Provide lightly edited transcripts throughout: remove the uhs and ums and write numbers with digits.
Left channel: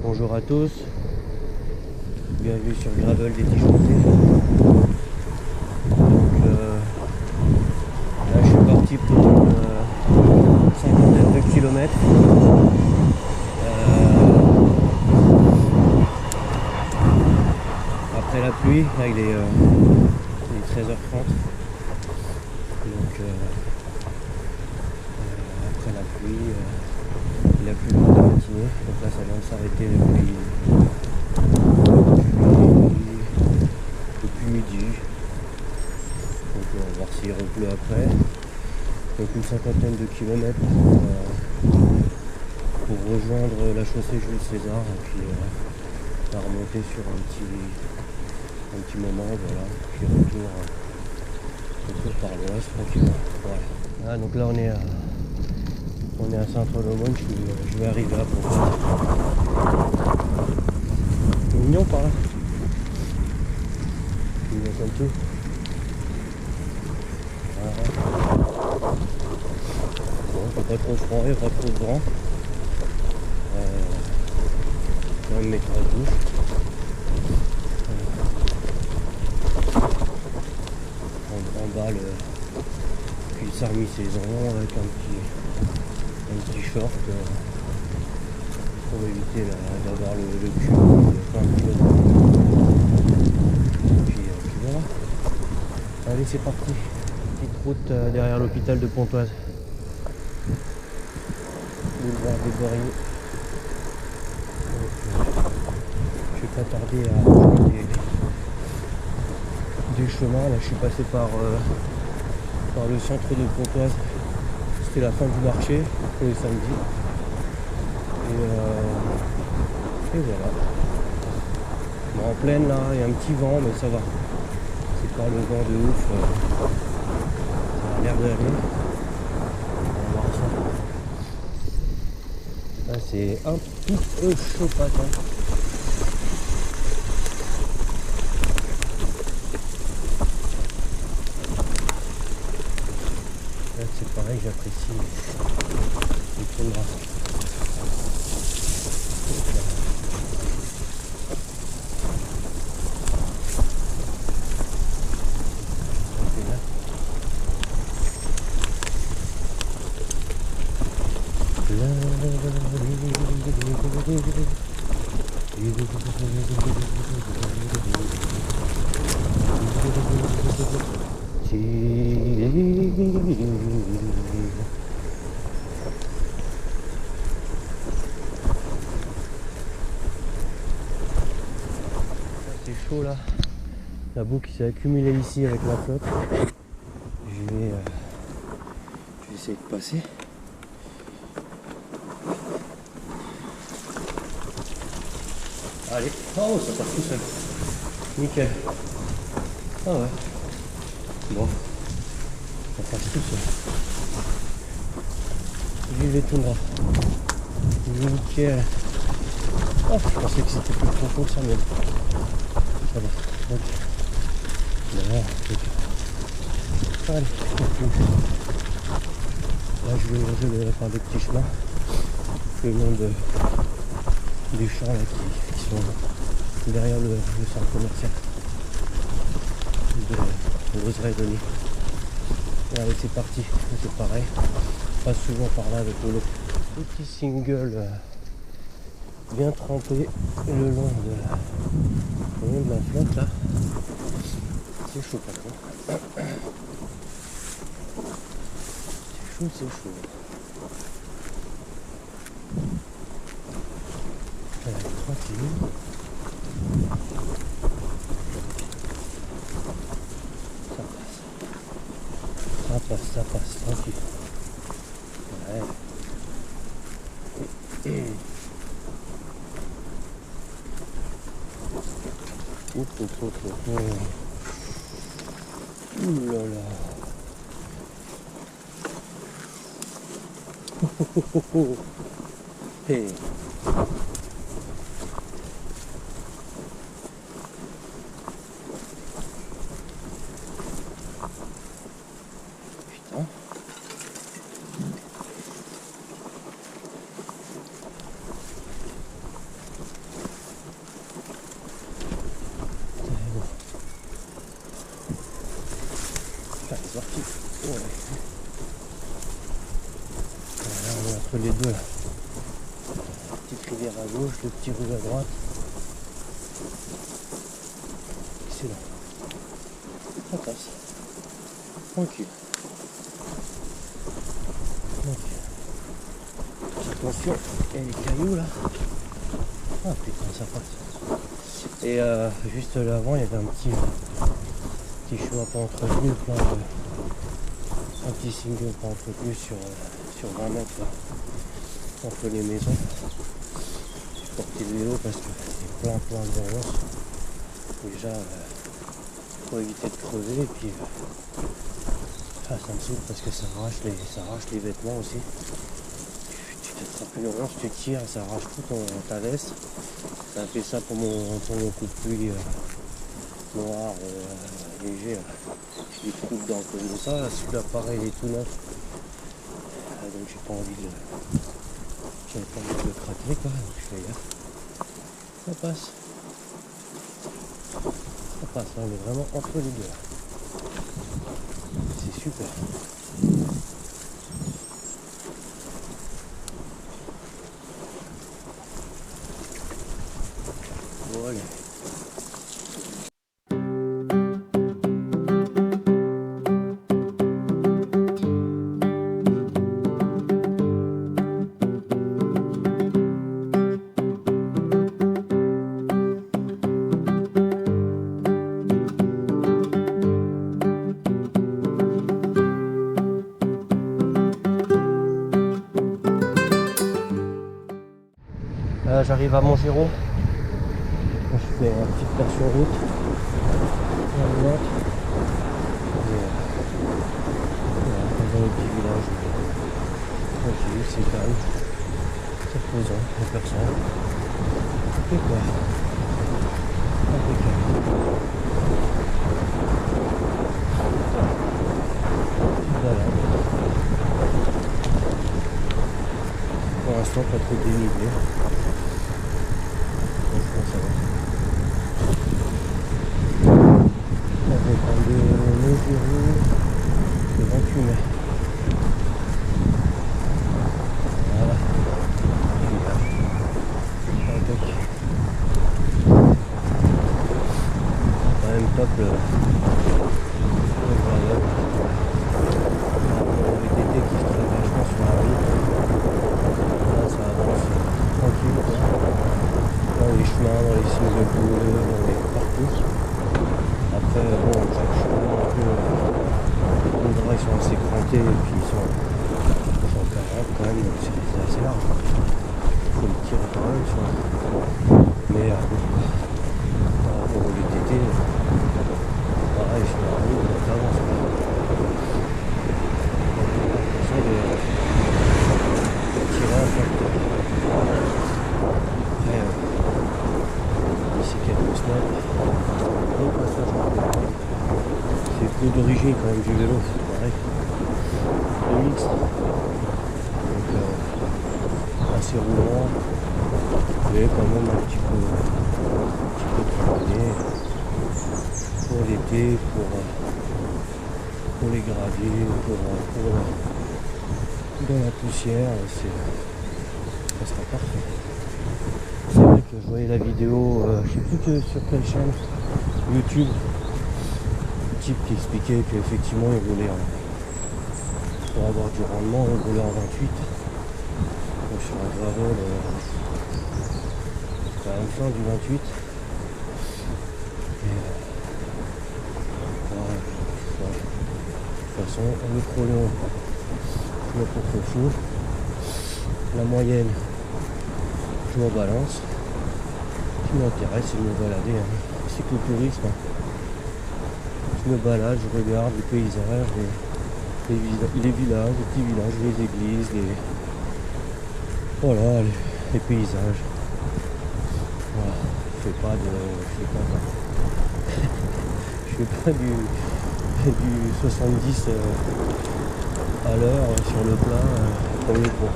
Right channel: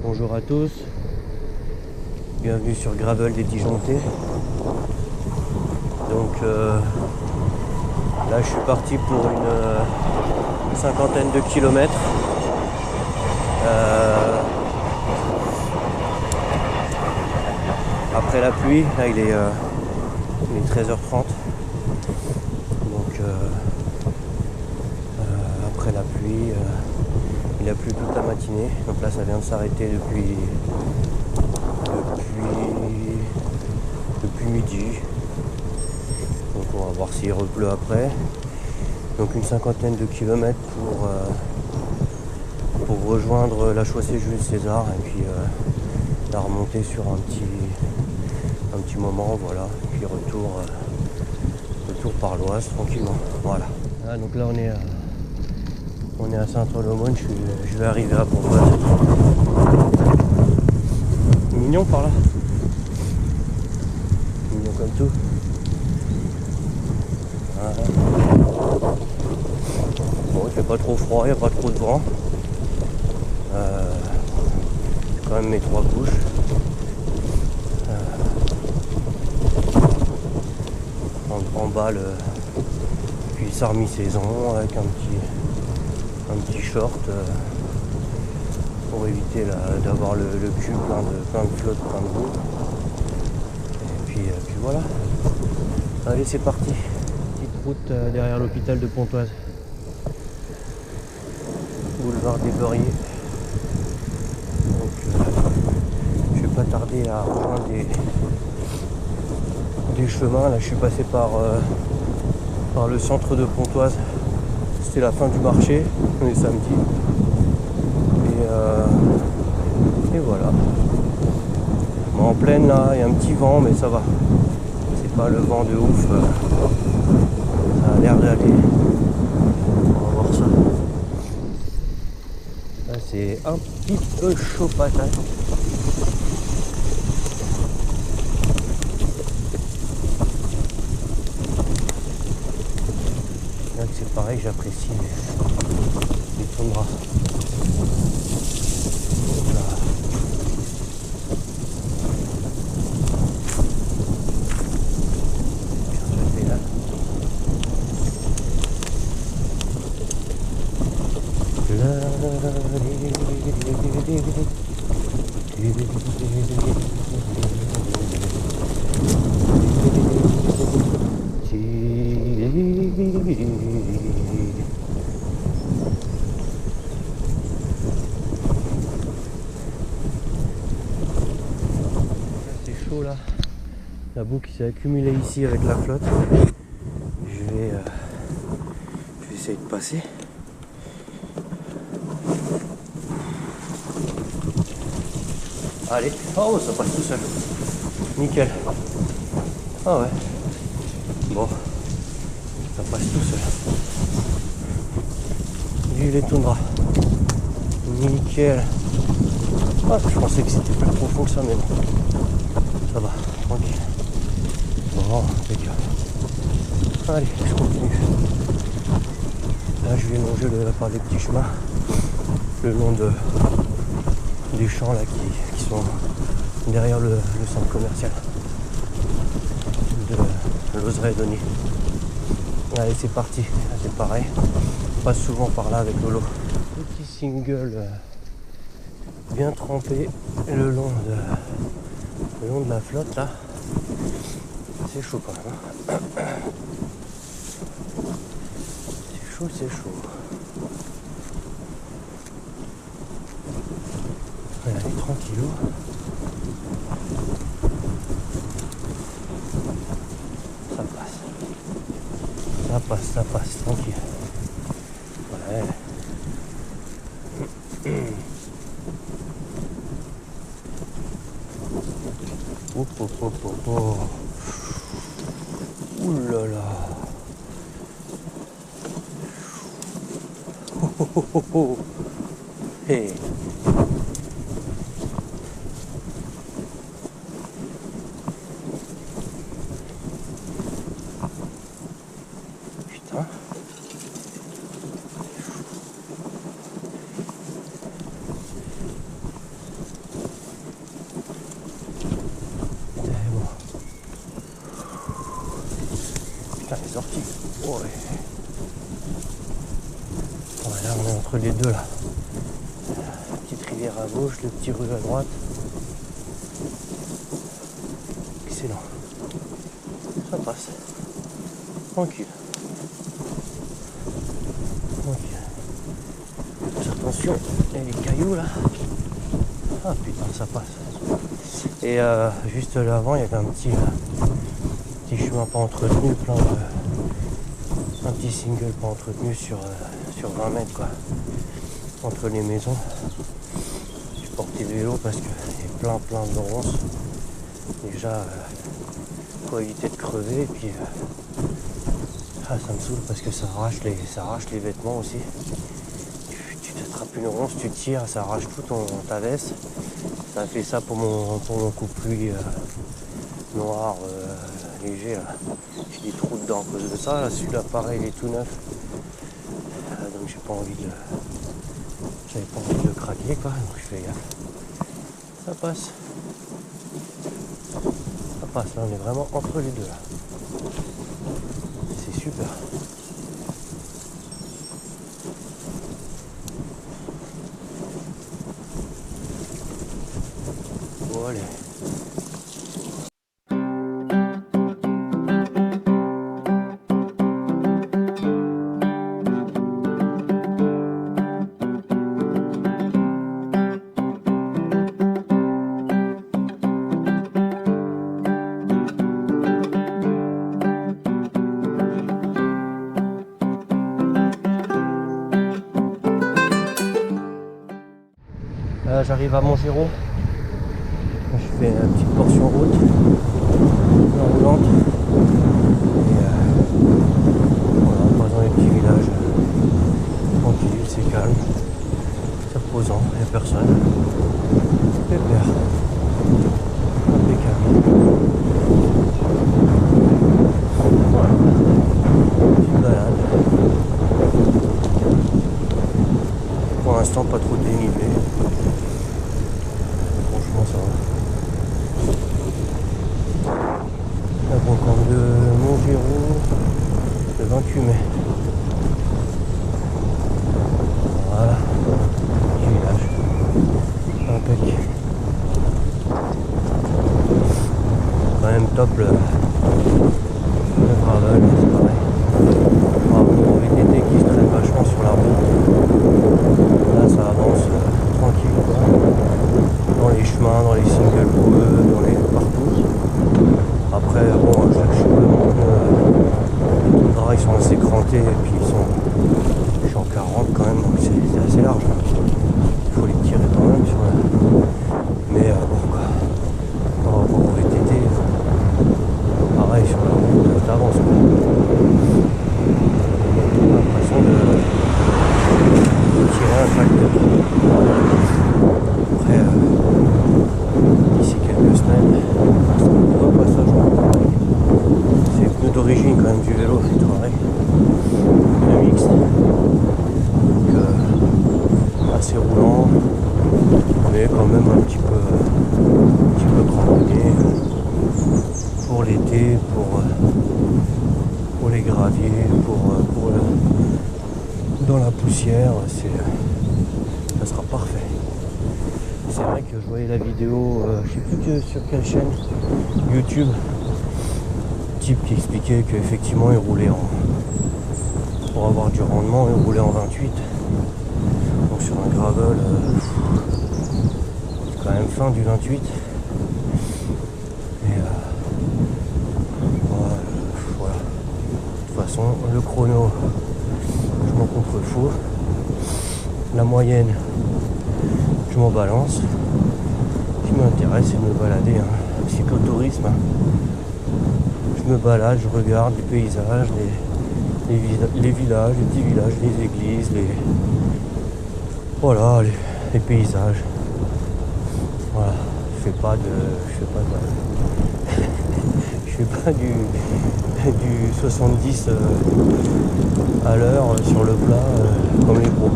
Bonjour à tous, bienvenue sur Gravel des Disjonctés. Donc là je suis parti pour une cinquantaine de kilomètres. Après la pluie, là il est 13h30. Donc après la pluie, il a plu toute la matinée. Donc là ça vient de s'arrêter depuis midi. Donc on va voir s'il repleut après. Donc une cinquantaine de kilomètres pour rejoindre la chaussée Jules César et puis la remonter sur un petit moment, voilà. Puis retour par l'Oise tranquillement. Voilà. Ah, donc là on est à Saint-Olomone, je vais arriver à Pontoise. Mignon par là. Mignon comme tout. Ouais. Bon, il fait pas trop froid, il n'y a pas trop de vent. Quand même mes 3 couches. En bas le semi-saison avec un petit short pour éviter d'avoir le cul plein de flotte, plein de boue. Et puis voilà. Allez, c'est parti. Petite route derrière l'hôpital de Pontoise. Boulevard des Beurriers. Donc, je vais pas tarder à rejoindre des chemins. Là je suis passé par le centre de Pontoise. C'était la fin du marché, on est samedi. Et voilà. Bon, en pleine là, il y a un petit vent mais ça va. C'est pas le vent de ouf. Ça a l'air d'aller. On va voir ça. Là c'est un petit peu chaud patate. Là c'est pareil, j'apprécie, mais il tournera. Hop là. Là. C'est chaud là, la boue qui s'est accumulée ici avec la flotte. Je vais essayer de passer. Allez, oh ça passe tout seul. Nickel. Ah ouais. Bon, ça passe tout seul. Vive les toundras. Nickel. Ah, je pensais que c'était plus profond que ça, mais non. Ça va, tranquille. Bon, nickel. Allez, je continue. Là, je vais manger par des petits chemins le long des champs là qui sont derrière le centre commercial de l'Ozeraie-Denis. Allez, c'est parti. C'est pareil. Je passe souvent par là avec Lolo. Petit single bien trempé le long de la flotte là. C'est chaud quand même. C'est chaud. Allez, tranquillou. Ça passe, tranquille. Ouais. Ouh là là. Hey. Putain. sortie. Oh, ouais. Voilà, on est entre les deux là. Petite rivière à gauche, le petit rue à droite. Excellent. Ça passe. Tranquille. Attention, il y a des cailloux là. Ah putain, ça passe. Et juste là avant, il y avait un petit chemin pas entretenu, un petit single pas entretenu sur 20 mètres quoi. Entre les maisons. J'ai porté le vélo parce qu'il y a plein de ronces. Déjà pour éviter de crever et puis ça me saoule parce que ça arrache les vêtements aussi. Tu t'attrapes une ronce, tu tires, ça arrache tout ta veste. Ça a fait ça pour mon coupe-pluie noir léger là. J'ai des trous dedans à cause de ça. Là, celui-là pareil, il est tout neuf. Donc j'avais pas envie de le craquer quoi. Donc je fais gaffe. Ça passe. Ça passe, là on est vraiment entre les deux là. C'est super. Bon allez. Là j'arrive à Montgéraud. Je fais une petite portion route, bien roulante. Et voilà, pas dans les petits villages. Tranquille, c'est calme. C'est reposant, il n'y a personne. Pépère. Impeccable. Voilà. Petite balade. Pour l'instant pas trop dénivelé. Franchement ça va. La brocante de Montgéraud, le 28 mai. Voilà, du village. Impec. Quand même top le gravel, c'est pareil. Par rapport au VTT qui se traîne vachement sur la route. Là ça avance tranquille quoi. Dans les chemins, dans les singles boueux, partout. Après bon, je suis quand même en pneu. Les Tundra ils sont assez crantés et puis ils sont 40 quand même, donc c'est assez large. Il faut les tirer quand même sur la. Mais bon quoi. Par rapport au VTT, pareil sur la route, t'avances quoi. J'ai l'impression de tirer un tracteur. Après d'ici quelques semaines, repassage en pareil. C'est les pneus d'origine quand même du vélo, c'est pareil. Pneus mixtes. Donc assez roulant, mais quand même un petit peu cramponné. Pour l'été, pour les graviers, dans la poussière, ça sera parfait. C'est vrai que je voyais la vidéo, je sais plus sur quelle chaîne, YouTube, type qui expliquait qu'effectivement il roulait pour avoir du rendement, il roulait en 28. Donc sur un gravel, quand même fin du 28. Et voilà. De toute façon, le chrono, je m'en contrefous. La moyenne, je m'en balance. Ce qui m'intéresse, c'est de me balader. C'est l'écotourisme. Je me balade, je regarde les paysages, les villages, les petits villages, les églises, voilà, les paysages. Voilà. Je fais pas du 70 à l'heure sur le plat comme les pros.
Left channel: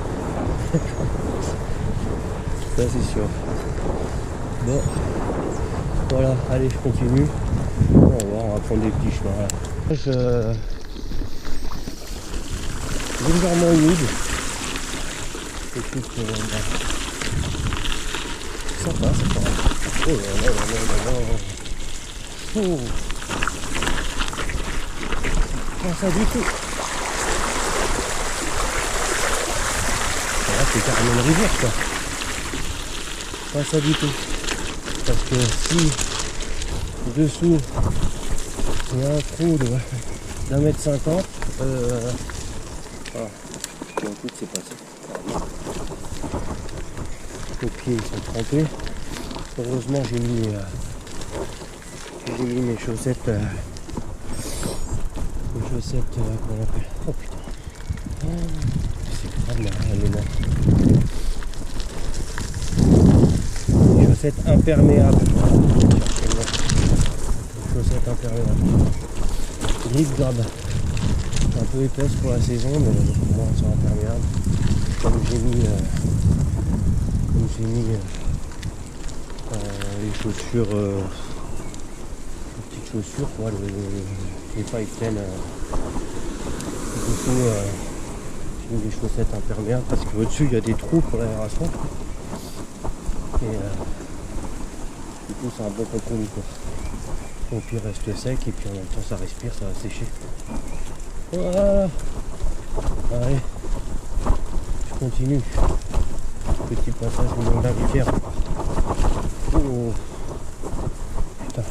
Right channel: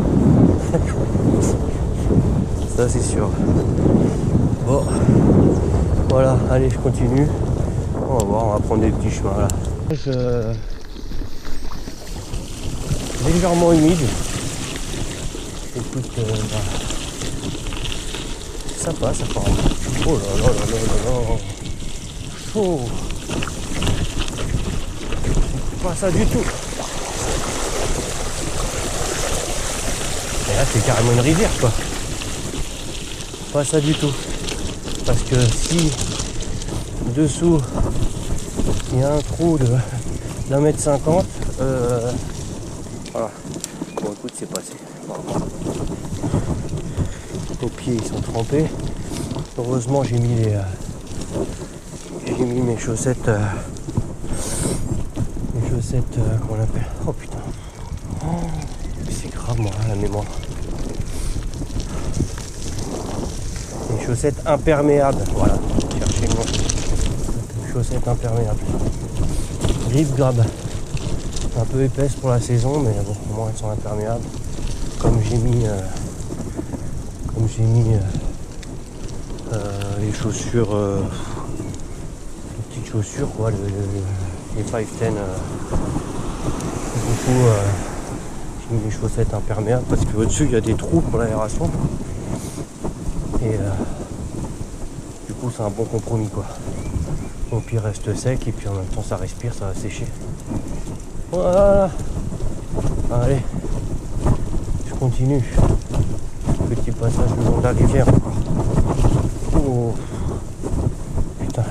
Ça c'est sûr. Bon, voilà, allez je continue. On va voir, on va prendre des petits chemins là. légèrement humide. Écoute, ça passe. Oh là là là là là là. Oh. Pas ça du tout. Là c'est carrément une rivière quoi. Pas ça du tout. Parce que si dessous il y a un trou de d'1,50 m, voilà. Bon écoute c'est passé. Les pieds ils sont trempés. Heureusement j'ai mis mes chaussettes. Comment on appelle? Oh putain. Oh, c'est grave moi la mémoire. Des chaussettes imperméables, voilà. Cherchez le nom. Des chaussettes imperméables. Grip grab. Un peu épaisse pour la saison, mais bon, au moins elles sont imperméables. Comme j'ai mis les chaussures, les petites chaussures quoi, les 510. Du coup, j'ai mis les chaussettes imperméables parce que au-dessus il y a des trous pour l'aération. Et du coup c'est un bon compromis quoi. Au pire reste sec et puis en même temps ça respire, ça va sécher. Voilà. Allez, je continue. Petit passage le long de la rivière encore. Oh putain,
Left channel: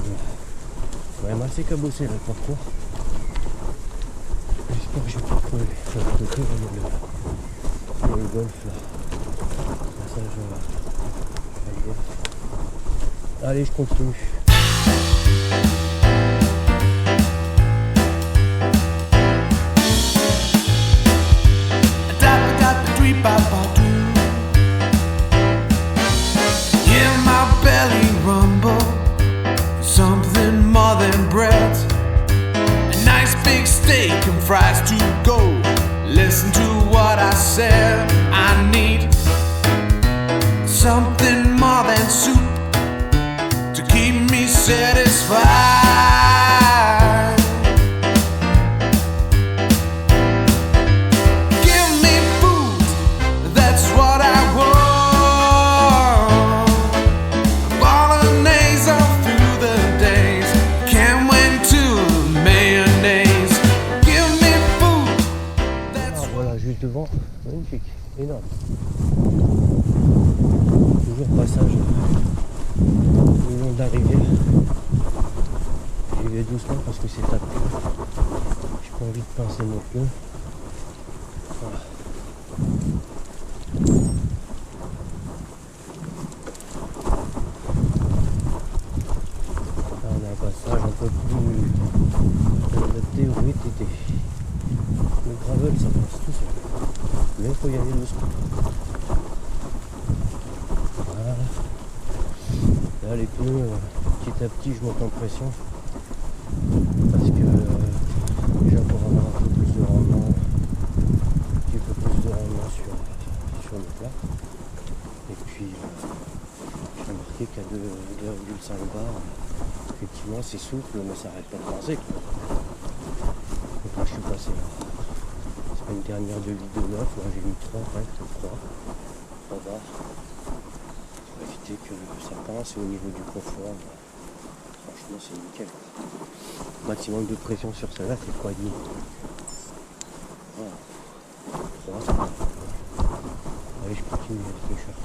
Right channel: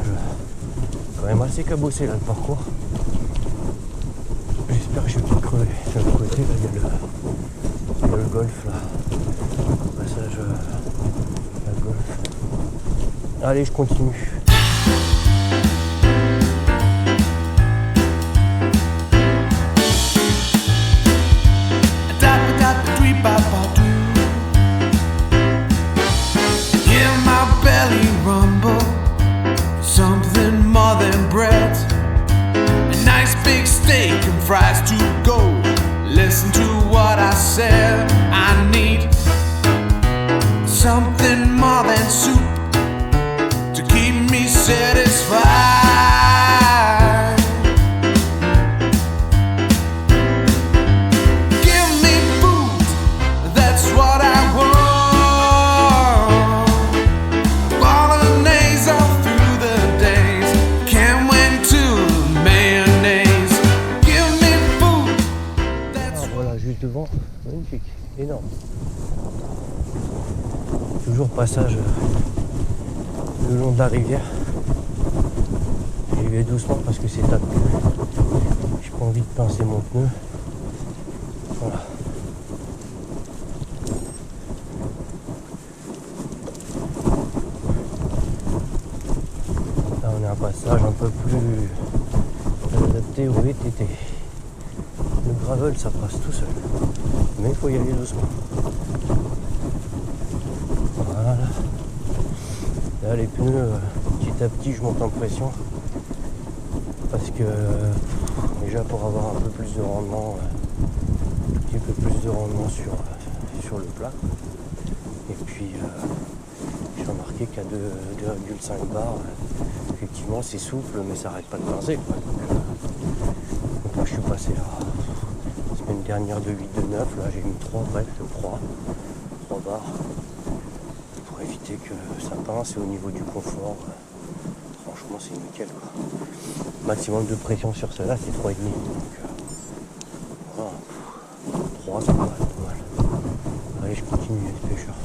quand même assez cabossé là le parcours. J'espère que je vais pas crever. De l'autre côté là il y a le golf là. Le passage à golf. Allez, je continue. Hear my belly rumble, something more than bread. A nice big steak and fries to go. Listen to what I said. I need something more than soup to keep me satisfied. Give me food, that's what I want. Bolognese all through the days. Can't wait to mayonnaise. Give me food, that's Voilà, juste devant, magnifique, énorme. Toujours passage le long de la rivière. J'y vais doucement parce que c'est tapé. J'ai pas envie de pincer mon pneu. Voilà. Là on a un passage un peu plus adapté au VTT. Le gravel ça passe tout seul. Mais il faut y aller doucement. Voilà. Là les pneus, petit à petit je monte en pression. Parce que déjà pour avoir un peu plus de rendement, un petit peu plus de rendement sur le plat. Et puis j'ai remarqué qu'à 2,5 bars, effectivement c'est souple mais ça arrête pas de pincer quoi. Donc là je suis passé à la semaine dernière de 8 de 9, là j'ai mis 3 presque, 3 bars. Pour éviter que ça pince et au niveau du confort, franchement c'est nickel quoi. Maximum de pression sur celle-là c'est 3,5. Donc voilà, 3 ça paraît pas mal. Allez je continue les pêcheurs.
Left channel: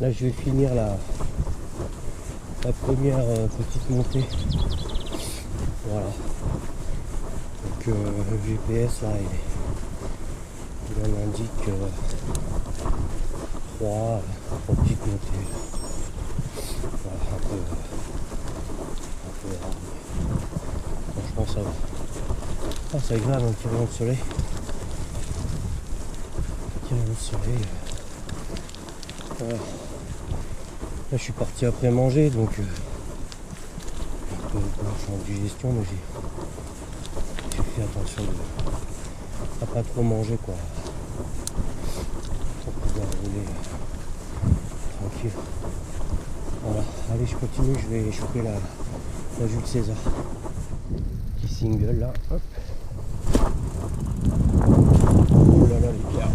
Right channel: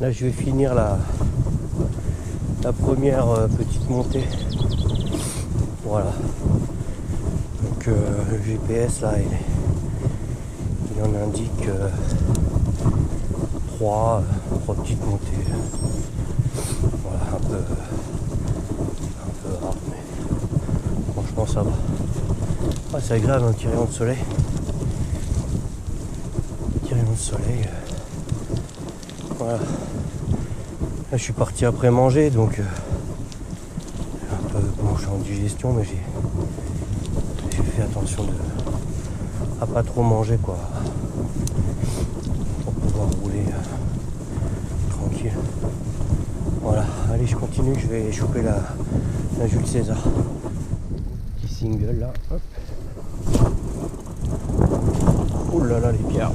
Là je vais finir la première petite montée. Voilà. Donc le GPS là il en indique 3 petites montées. Voilà, un peu rare mais franchement ça va. Ah, c'est agréable un petit rayon de soleil. Petit rayon de soleil. Voilà. Là je suis parti après manger donc Bon, je suis en digestion, mais j'ai fait attention à pas trop manger, quoi, pour pouvoir rouler tranquille. Voilà, allez, je continue, je vais choper la Jules César. Petit single là, hop. Ouh là là, les pierres.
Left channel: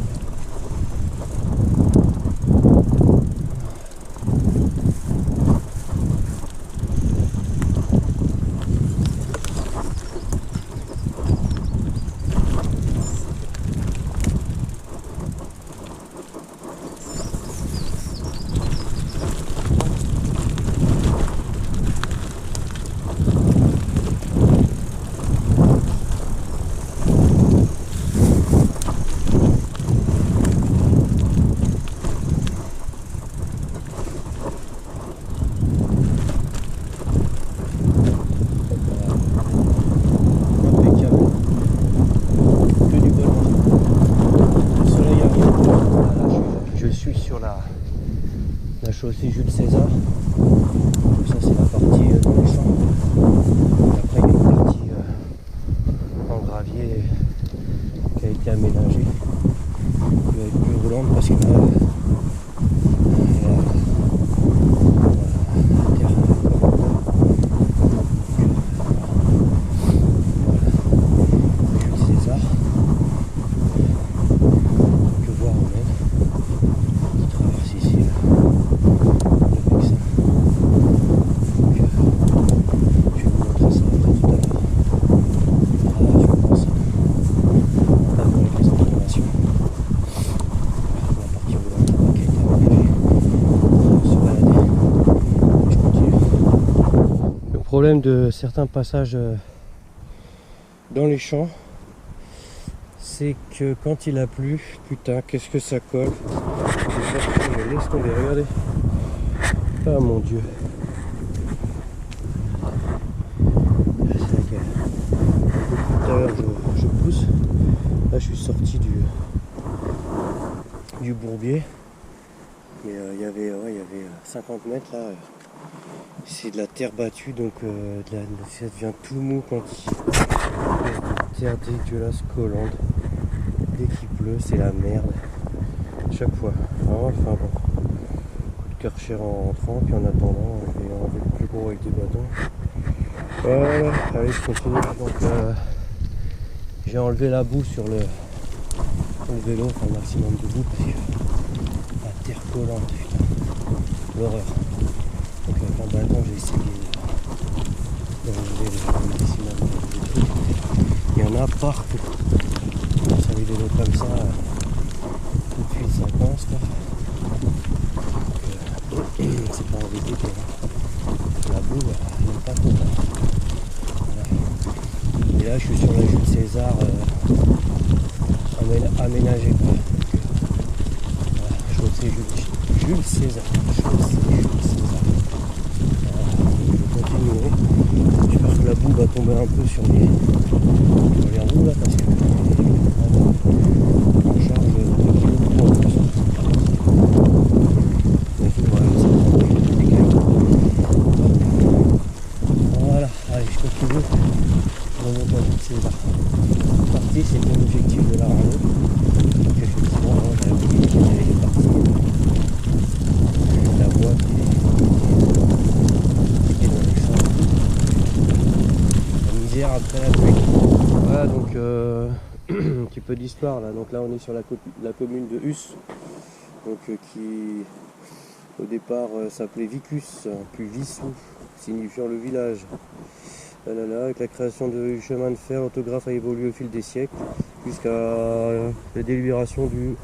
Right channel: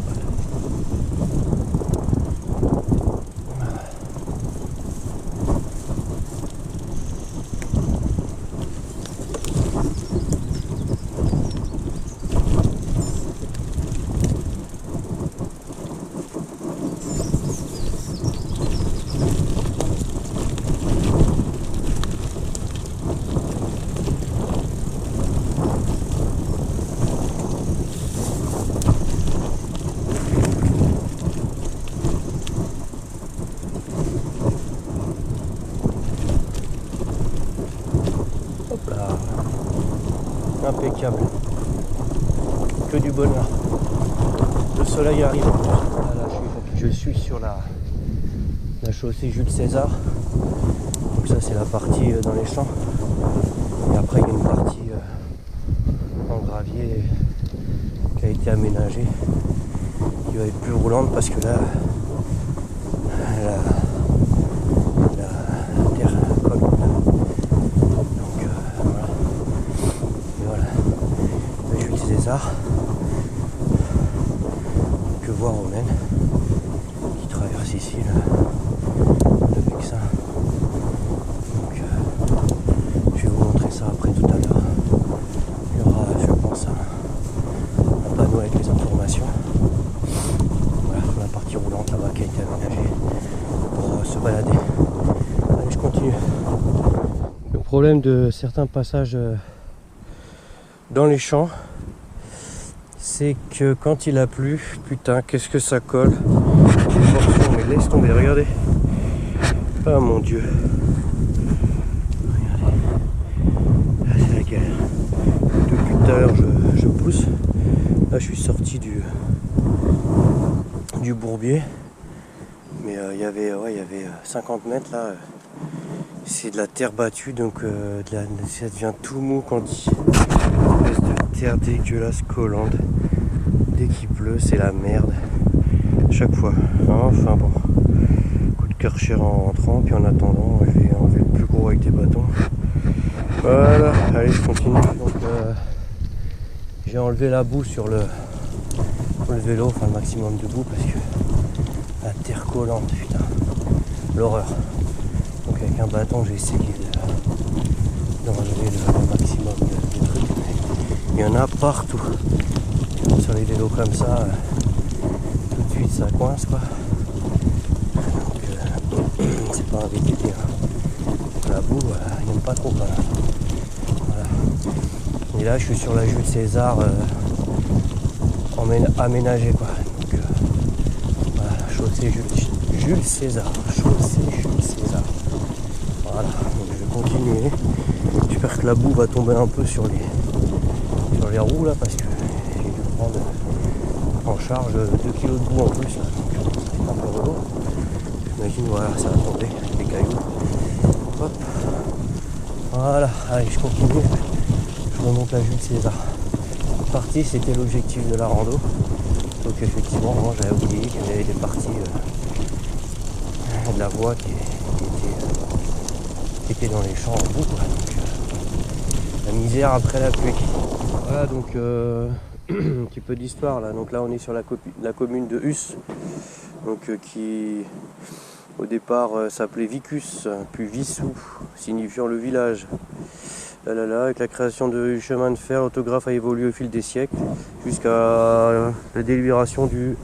Impeccable, que du bonheur. Le soleil arrive. Là, je suis sur la chaussée Jules César. Donc ça, c'est la partie dans les champs. Et après, il y a une partie en gravier qui a été aménagée, qui va être plus roulante parce que là, la terre colle en deux. César, que voir Romaine qui traverse ici là, avec ça. Donc je vais vous montrer ça après tout à l'heure. Il y aura, je pense, un panneau avec les informations. Voilà, sur la partie roulante là-bas qui a été aménagée pour se balader. Allez, je continue. Le problème de certains passages dans les champs, c'est que quand il a plu, putain, qu'est-ce que ça colle. Des portions, mais laisse tomber, regardez. Ah mon dieu. Regardez. Là, c'est la galère. Et depuis tout à l'heure, je pousse. Là, je suis sorti du bourbier. Mais il y avait 50 mètres là. C'est de la terre battue, donc ça devient tout mou quand il... Une espèce de terre dégueulasse collante. Dès qu'il pleut, c'est la merde. Chaque fois. Enfin bon. Coup de Karcher en rentrant. Puis en attendant, je vais enlever le plus gros avec des bâtons. Voilà. Allez, je continue. Donc j'ai enlevé la boue sur le vélo. Enfin le maximum de boue parce que la terre collante, putain. L'horreur. Donc avec un bâton, j'ai essayé d'enlever le maximum de trucs. Il y en a partout. Sur les vélos comme ça, tout de suite ça coince, quoi. Donc, c'est pas un VTT, hein. La boue, il n'aime pas trop, voilà. Et là, je suis sur la Jules César aménagée, quoi. Donc, voilà, chaussée Jules César. Chaussée Jules César. Voilà, donc je vais continuer. J'espère que la boue va tomber un peu sur les roues là, parce que je vais prendre en charge 2 kg de boue en plus. Là. Un peu relou. Imagine, voilà, ça va tomber, les cailloux. Hop. Voilà, allez, je continue. Je remonte la Jules César. C'est parti, c'était l'objectif de la rando. Donc effectivement, moi j'avais oublié qu'il y avait des parties de la voie qui était dans les champs en bout, quoi. La misère après la pluie. Voilà, donc un petit peu d'histoire là. Donc là on est sur la commune de Hus, donc qui au départ s'appelait Vicus, puis Vissou, signifiant le village. Là, avec la création du chemin de fer, l'autographe a évolué au fil des siècles jusqu'à la délibération du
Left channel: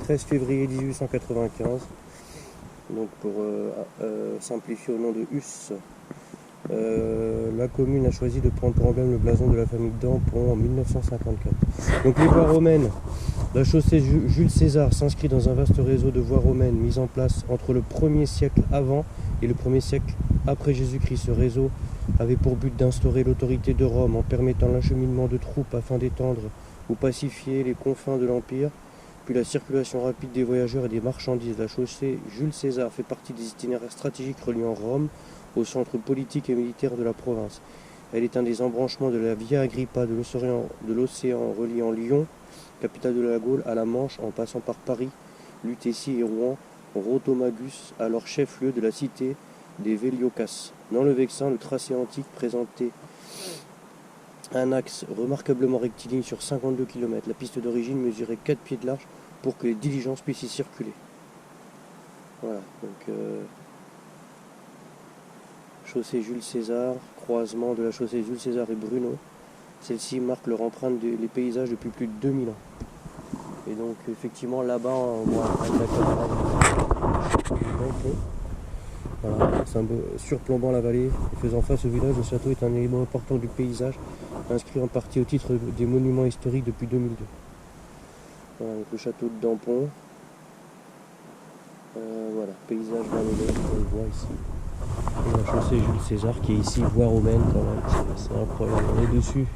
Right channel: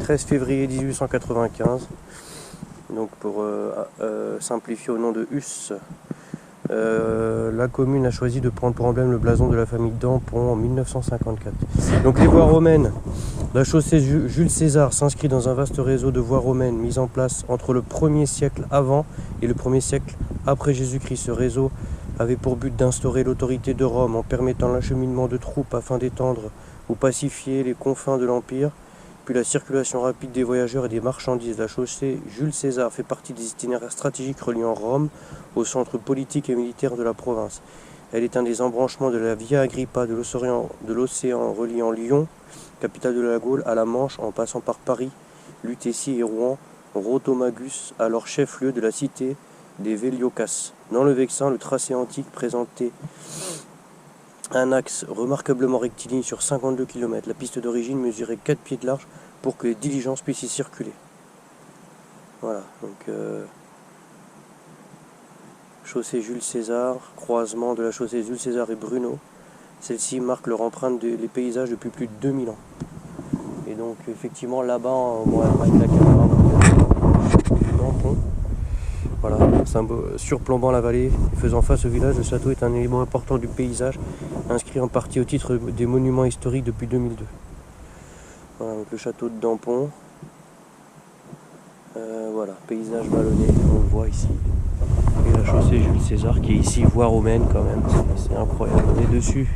13 février 1895. Donc pour simplifier au nom de Hus, la commune a choisi de prendre pour emblème le blason de la famille d'Ampon en 1954. Donc les voies romaines, la chaussée Jules César s'inscrit dans un vaste réseau de voies romaines mises en place entre le 1er siècle avant et le 1er siècle après Jésus-Christ. Ce réseau avait pour but d'instaurer l'autorité de Rome en permettant l'acheminement de troupes afin d'étendre ou pacifier les confins de l'Empire, puis la circulation rapide des voyageurs et des marchandises. La chaussée Jules César fait partie des itinéraires stratégiques reliant Rome au centre politique et militaire de la province. Elle est un des embranchements de la Via Agrippa de l'océan reliant Lyon, capitale de la Gaule, à la Manche, en passant par Paris, Lutétie et Rouen, Rotomagus, alors chef-lieu de la cité des Véliocas. Dans le Vexin, le tracé antique présentait un axe remarquablement rectiligne sur 52 km. La piste d'origine mesurait 4 pieds de large pour que les diligences puissent y circuler. Voilà, donc chaussée Jules César, croisement de la chaussée Jules César et Bruno. Celle-ci marque leur empreinte des paysages depuis plus de 2000 ans. Et donc effectivement là-bas, bon, avec la caméra vous ne verrez pas, mais il y a le château de Dampont. Voilà, surplombant la vallée et faisant face au village, le château est un élément important du paysage, inscrit en partie au titre des monuments historiques depuis 2002. Voilà, donc le château de Dampont. Voilà, paysage vallonné, on le voit ici. Et la chaussée Jules César qui est ici, voie romaine quand même, c'est incroyable, on est dessus.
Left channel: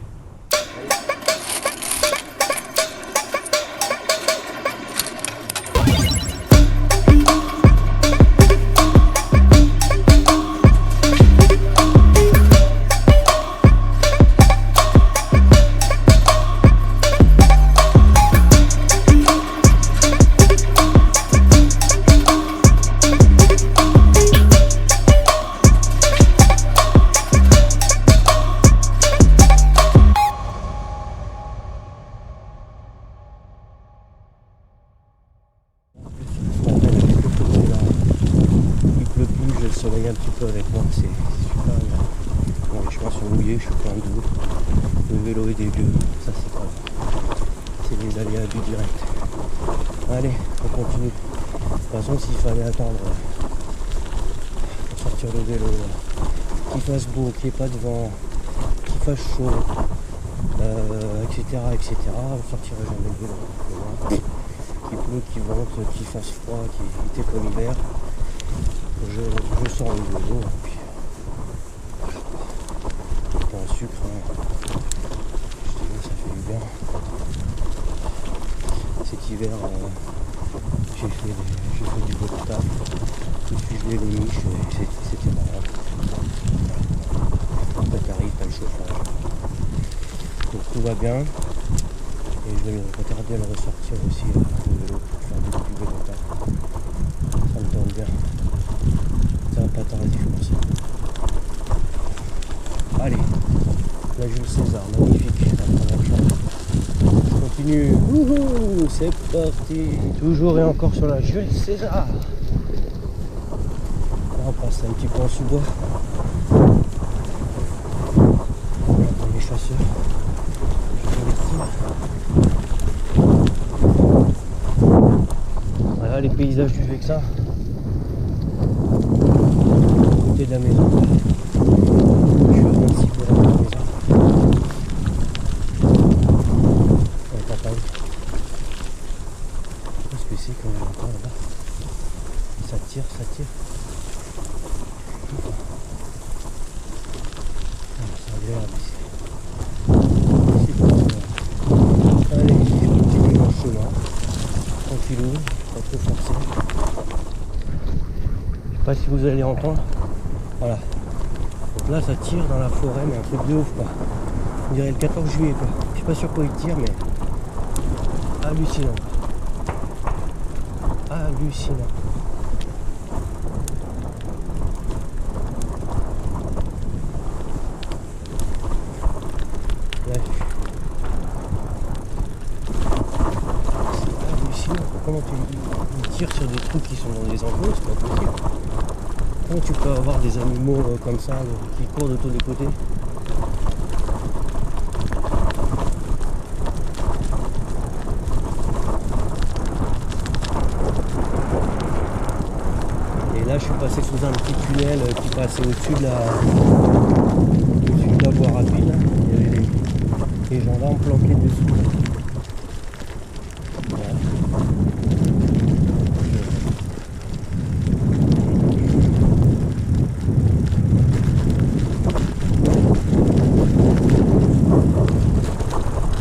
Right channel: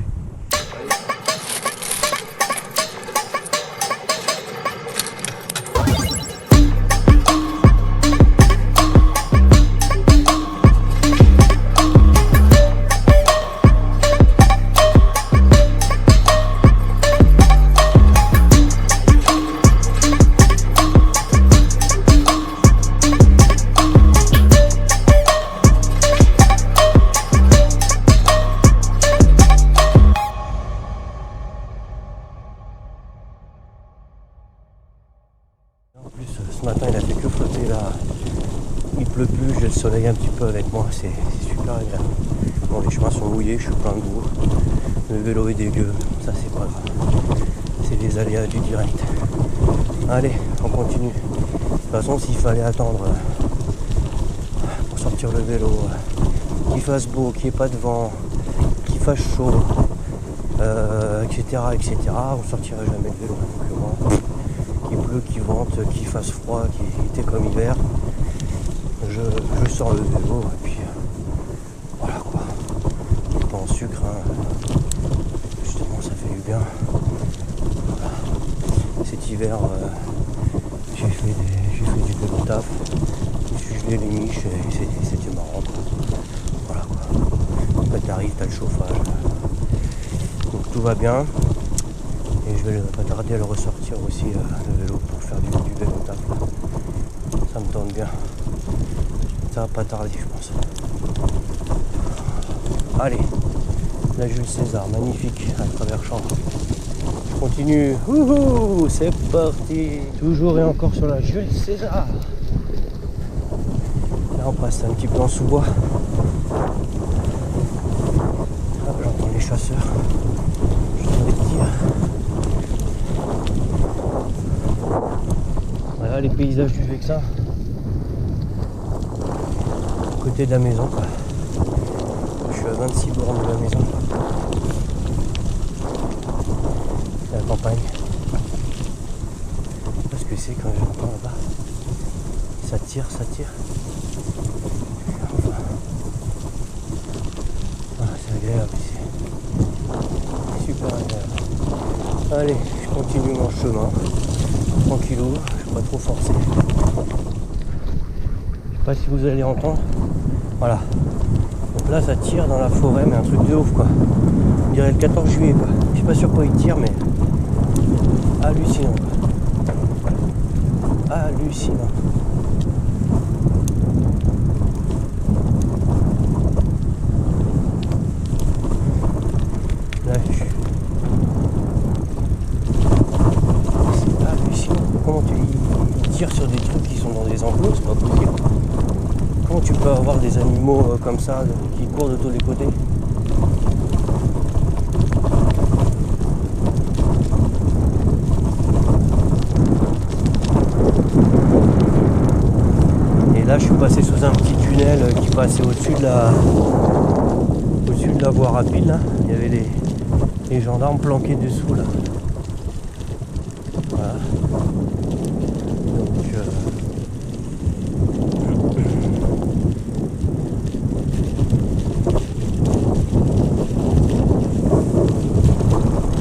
Ce matin il a fait que flotter là, il pleut plus, j'ai le soleil un petit peu avec moi, c'est super agréable. Bon, les chemins sont mouillés, je suis plein de boue, le vélo est dégueu, ça c'est pas grave, c'est les aléas du direct. Allez, on continue. De toute façon, s'il fallait attendre pour sortir le vélo, qu'il fasse beau, qu'il n'y ait pas de vent, qu'il fasse chaud, etc., on sortirait jamais le vélo, simplement. Qu'il pleut, qu'il vente, qu'il fasse froid, qu'il était comme hiver, je sors le vélo et puis voilà quoi. Pas en sucre, hein. Justement ça fait du bien. Voilà. Cet hiver j'ai fait du vélo taf, je me suis gelé les miches et c'était marrant quoi. Voilà quoi. Après t'arrives, t'as le chauffage. Donc tout va bien. Et je vais pas tarder à le ressortir aussi, le vélo, pour faire du vélo taf. Ça me tente bien. Ça va pas tarder, je pense. Allez, la Jules César, magnifique, à travers champ. Je continue. Wouhou, c'est parti. Toujours et encore sur la Jules César. Là, on passe un petit peu en sous-bois. Ah, j'entends les chasseurs. J'entends les tirs. Voilà les paysages du Vexin, côté de la maison quoi. Je suis à 26 bornes de la maison. C'est la campagne. Je sais pas ce que c'est quand j'entends là-bas. Ça tire. Ah, c'est agréable ici. Super agréable. Allez, je continue mon chemin. Tranquillou, pas trop forcé. Je sais pas si vous allez entendre. Voilà. Donc là ça tire dans la forêt, mais un truc de ouf quoi. On dirait le 14 juillet quoi. Je sais pas sur quoi il tire, mais hallucinant quoi. Hallucinant. Là, hallucinant. Comment il tire sur des trucs qui sont dans des enclos, c'est pas possible. Comment tu peux avoir des animaux comme ça qui courent de tous les côtés? Et là je suis passé sous un petit tunnel qui passait au-dessus de la voie rapide là. Il y avait les gendarmes planqués dessous là. Voilà. Donc,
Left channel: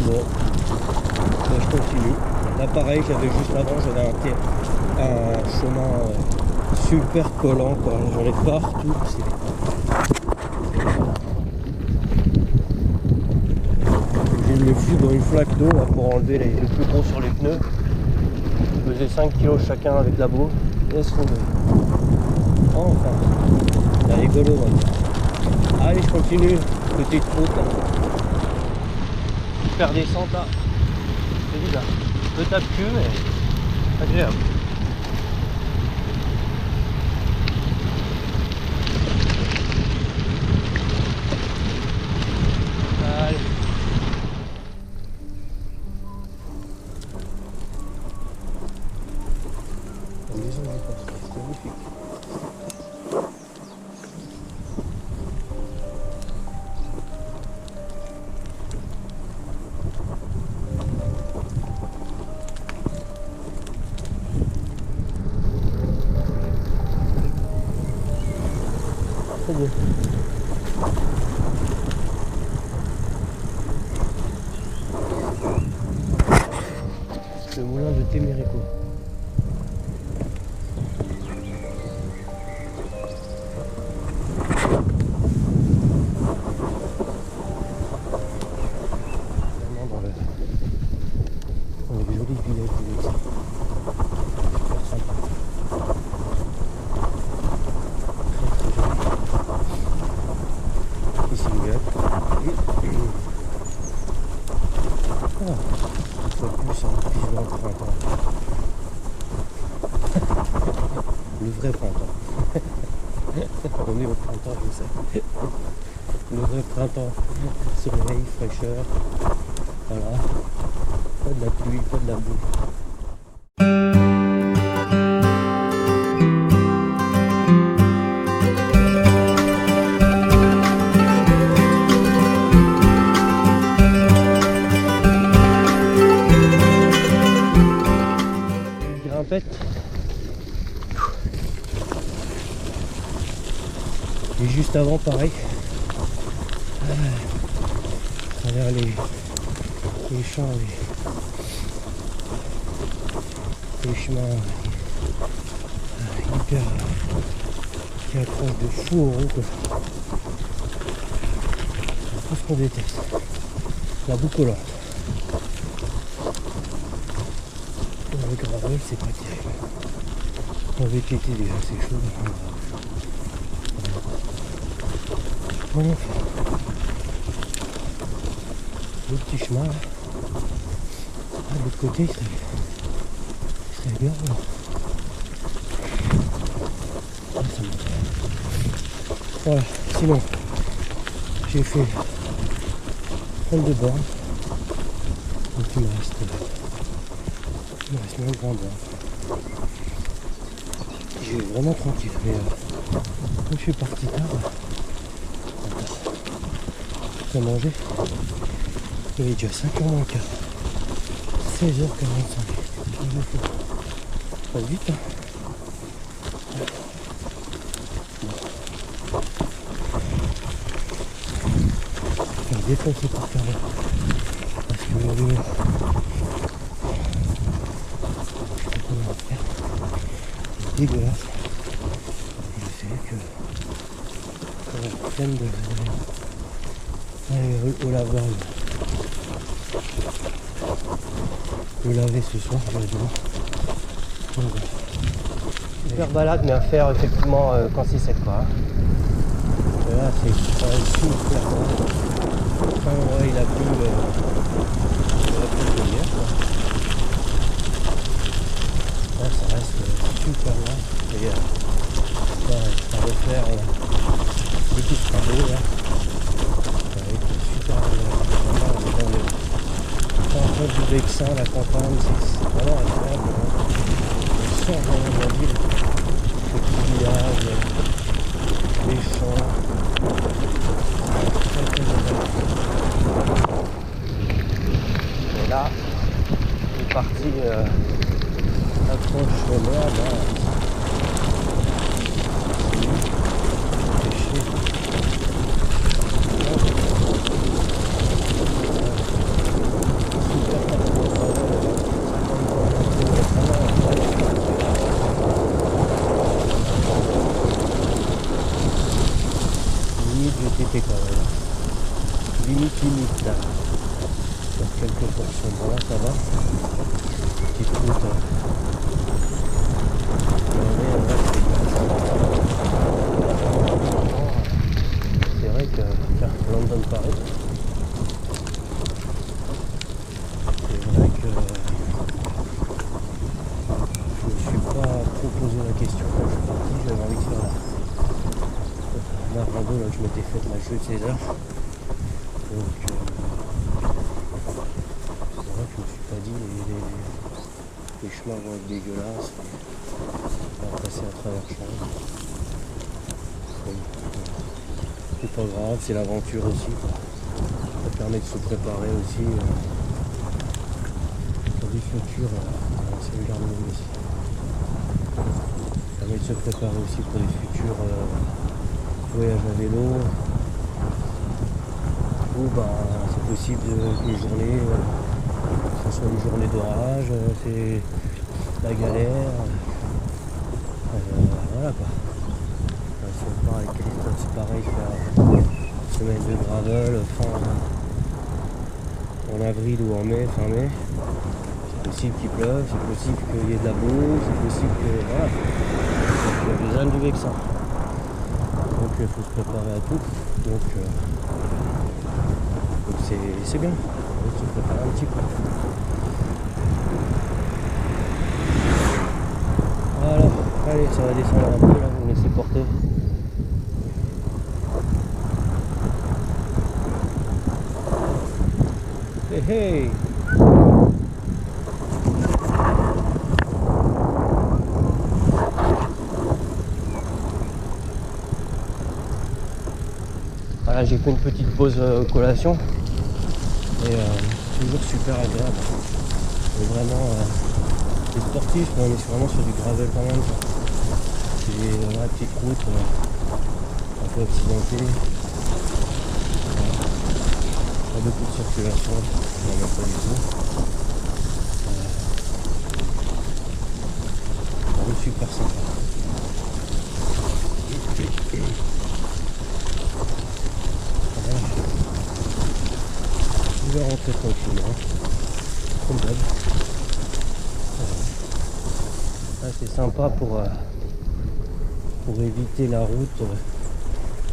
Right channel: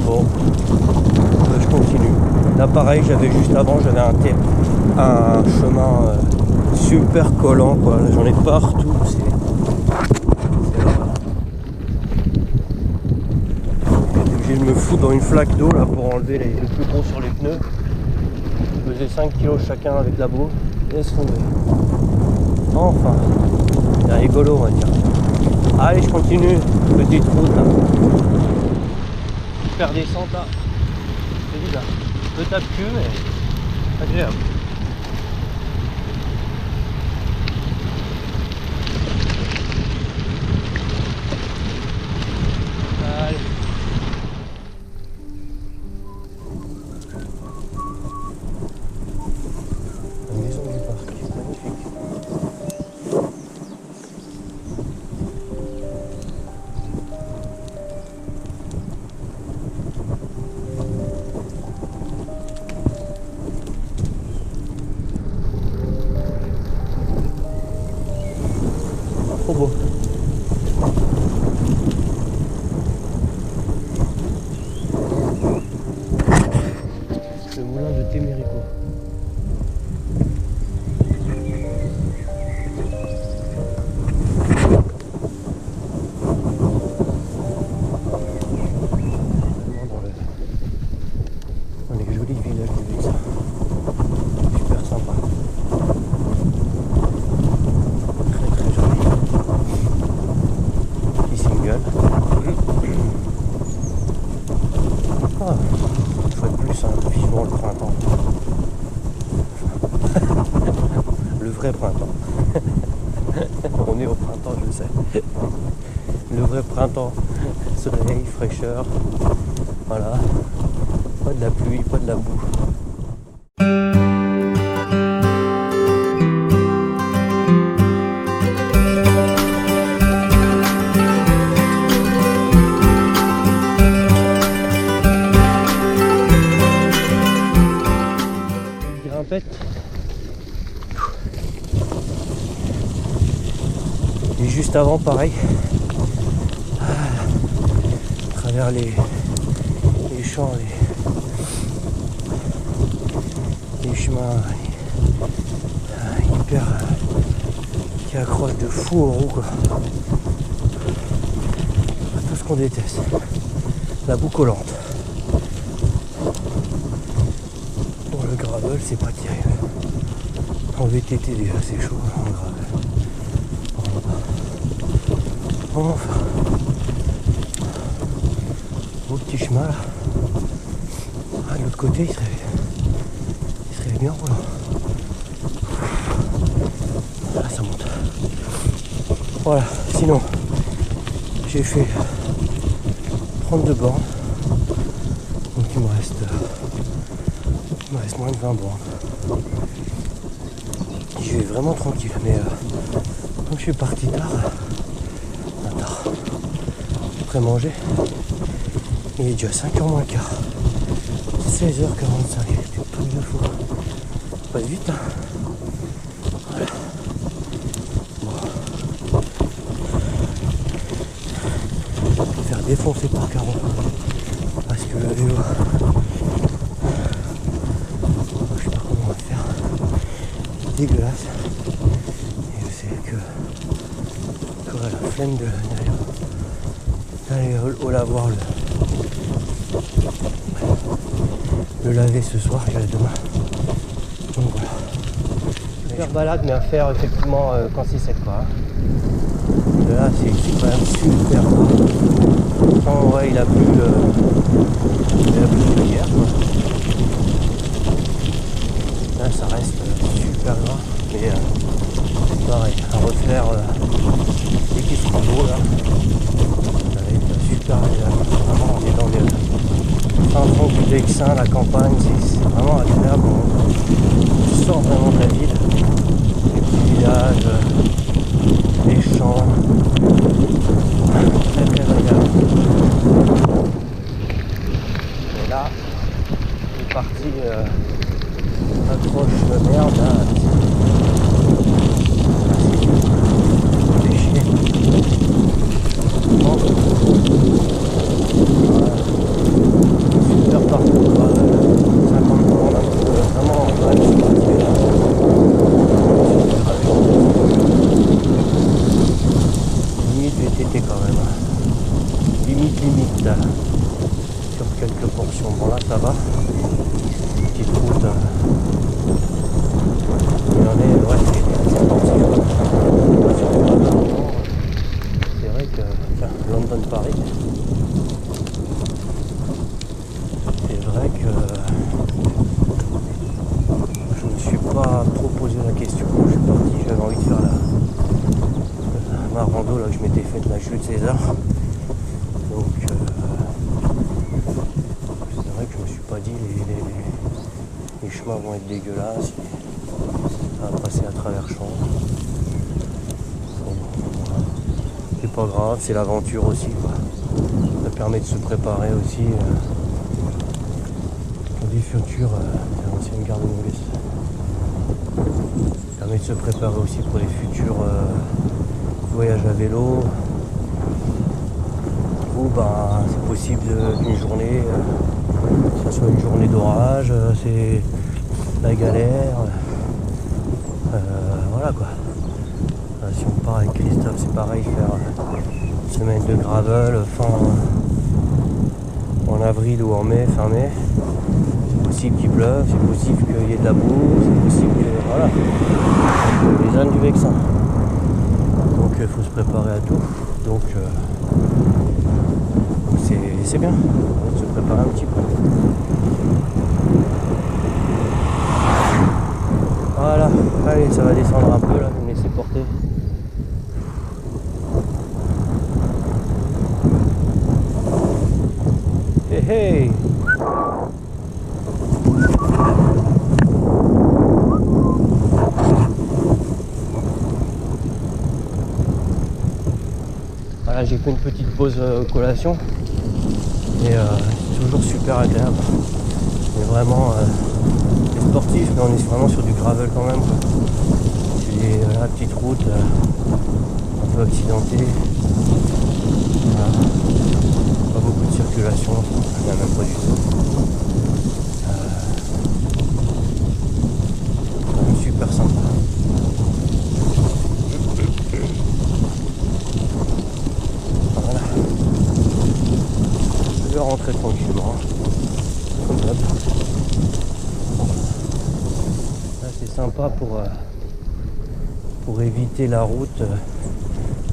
bon, je continue. Là pareil, juste avant, j'avais un chemin super collant quoi. J'en ai partout. de me foutre dans une flaque d'eau là pour enlever le plus gros sur les pneus. Je faisais 5 kg chacun avec la boue. Laisse tomber. Enfin, c'est rigolo on va dire. Allez, je continue. Petite route là. Super descente là. C'est bizarre. Un peu tape-cul mais agréable. Allez. La maison du parc, magnifique. Trop beau. Le moulin de Témérico. Vraiment dans les jolis villages du Vexin. Super sympa. Très joli. Petit single. Ah, une fois de plus, vivement le printemps. Le vrai printemps. On est au printemps, je sais. Le vrai printemps. Soleil, fraîcheur. Voilà. Pas de la pluie, pas de la boue. Et juste avant, pareil, à travers les champs, les chemins hyper qui accrochent de fou aux roues, quoi. Tout ce qu'on déteste, la boue collante. Pour le gravel, c'est pas terrible. En VTT déjà c'est chaud, en gravel. Enfin, beau petit chemin là. Ah, de l'autre côté, c'est bien roulant. Là, ça monte. Voilà, sinon, j'ai fait 32 bornes. Donc il me reste moins de 20 bornes. J'y vais vraiment tranquille, mais comme je suis parti tard, après manger, il est déjà 5h moins le quart. 16h45, c'est plus de fou. Pas vite, hein. Voilà. Bon. Je vais faire défoncer par Caro. Parce que le vélo, je sais pas comment on va faire. C'est dégueulasse. Et je sais que j'aurai la flemme d'aller au lavoir le laver ce soir, je vais demain. Donc voilà. Super balade, mais à faire effectivement quand c'est sec, quoi. Et là c'est quand même super gras. Pourtant ouais, il a plu hier, quoi. Là ça reste super gras. Et pareil, à refaire dès qu'il sera beau là. Ça va être super agréable. Vraiment on est dans le fin fond du Vexin, la campagne, c'est vraiment agréable. On sort vraiment de la ville. Les petits villages, les champs. Très très agréable. Et là, une partie accroche de merde. Ça c'est chier. Bon. Voilà. Super parcours gravel, 50 bornes un peu, vraiment quand même sportif. Limite VTT quand même. Hein. Limite là. quelques portions. Bon là ça va. Petite route. Mais on est ouais, sur le gravel roulant. C'est vrai que tiens, London-Paris. C'est vrai que je ne me suis pas trop posé la question quand je suis parti. J'avais envie de faire ma rando là que je m'étais faite, la Jules César. Donc c'est vrai que je me suis pas dit les chemins vont être dégueulasses, ça va passer à travers champs. Bon, voilà. C'est pas grave, c'est l'aventure aussi quoi. Ça permet de se préparer aussi pour des futurs de l'ancienne gare de Montgessy. Ça permet de se préparer aussi pour des futurs voyages à vélo. Ou ben c'est possible qu'une journée, que ça soit une journée d'orage, c'est la galère. Voilà quoi. Si on part avec Christophe, c'est pareil, faire une semaine de gravel en avril ou en mai, fin mai. C'est possible qu'il pleuve, c'est possible qu'il y ait de la boue, c'est possible que voilà. Donc, les ânes du Vexin. Donc il faut se préparer à tout. Donc c'est bien, de se préparer un petit peu. Voilà, allez, ça va descendre un peu là, vous me laissez porter. Hey hey! Voilà, j'ai fait une petite pause collation et toujours super agréable. Donc vraiment c'est sportif, mais on est vraiment sur du gravel quand même quoi. C'est des petites routes un peu accidentées. Voilà. Pas beaucoup de circulation, ça n'a même pas du tout. Vraiment super sympa. Voilà. Je vais rentrer tranquillement, comme d'hab. Voilà. Là c'est sympa pour éviter la route.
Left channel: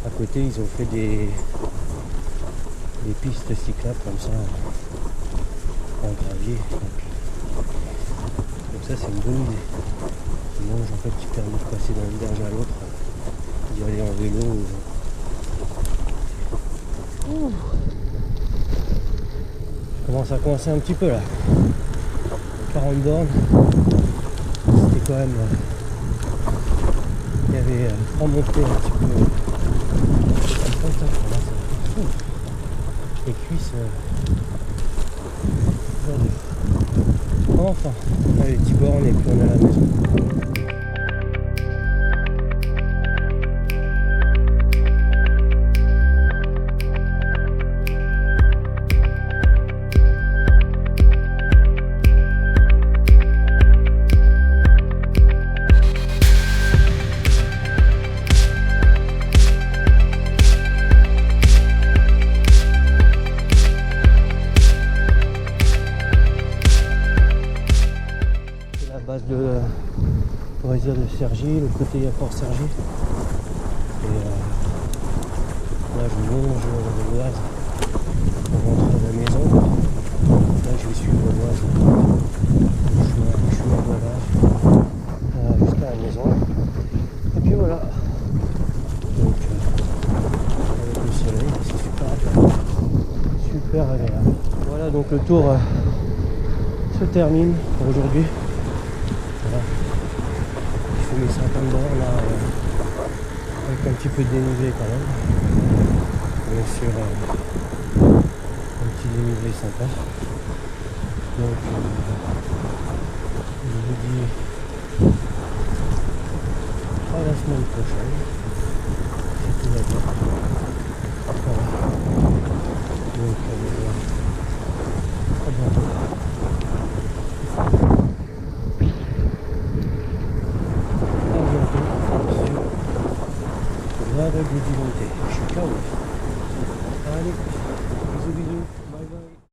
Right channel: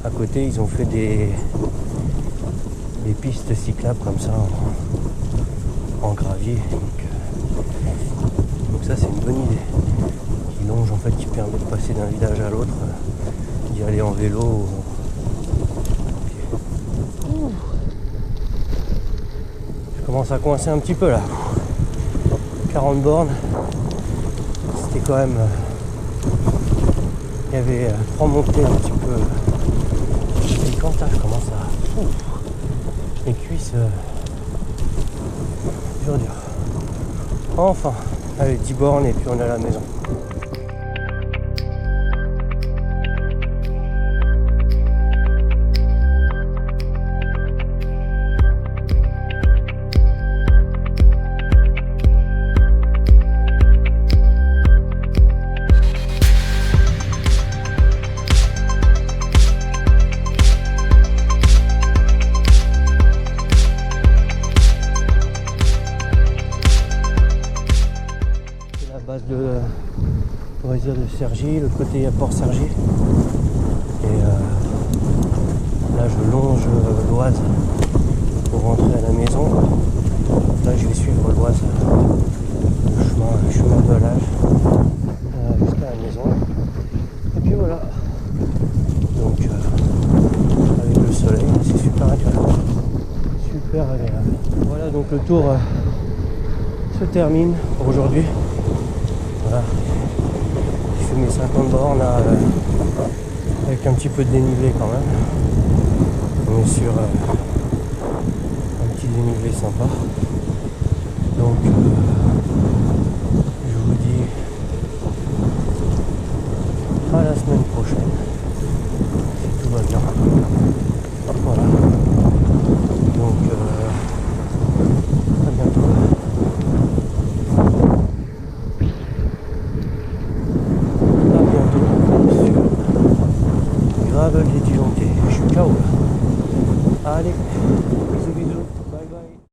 À côté ils ont fait des pistes cyclables comme ça en gravier. Donc ça c'est une bonne idée. Qui longe en fait, qui permet de passer d'un village à l'autre, d'y aller en vélo. Je commence à coincer un petit peu là. 40 bornes. C'était quand même. Il y avait 3 montées un petit peu. Comme ça, je commence à. Les cuisses dur. Enfin, allez, 10 bornes et puis on est à la maison. Base de loisirs de Cergy, l'autre côté il y a Port Cergy et là je longe l'Oise pour rentrer à la maison. Là je vais suivre l'Oise, le chemin de halage jusqu'à la maison et puis voilà. Donc avec le soleil c'est super agréable. Voilà, donc le tour se termine pour aujourd'hui. Voilà. Je fais mes 50 bornes là, avec un petit peu de dénivelé quand même. On est sur un petit dénivelé sympa. Donc je vous dis à la semaine prochaine si tout va bien. Voilà. Donc à bientôt. Bientôt sur le gravel des Dijontais. Je suis KO là. Allez, bisous, bye bye.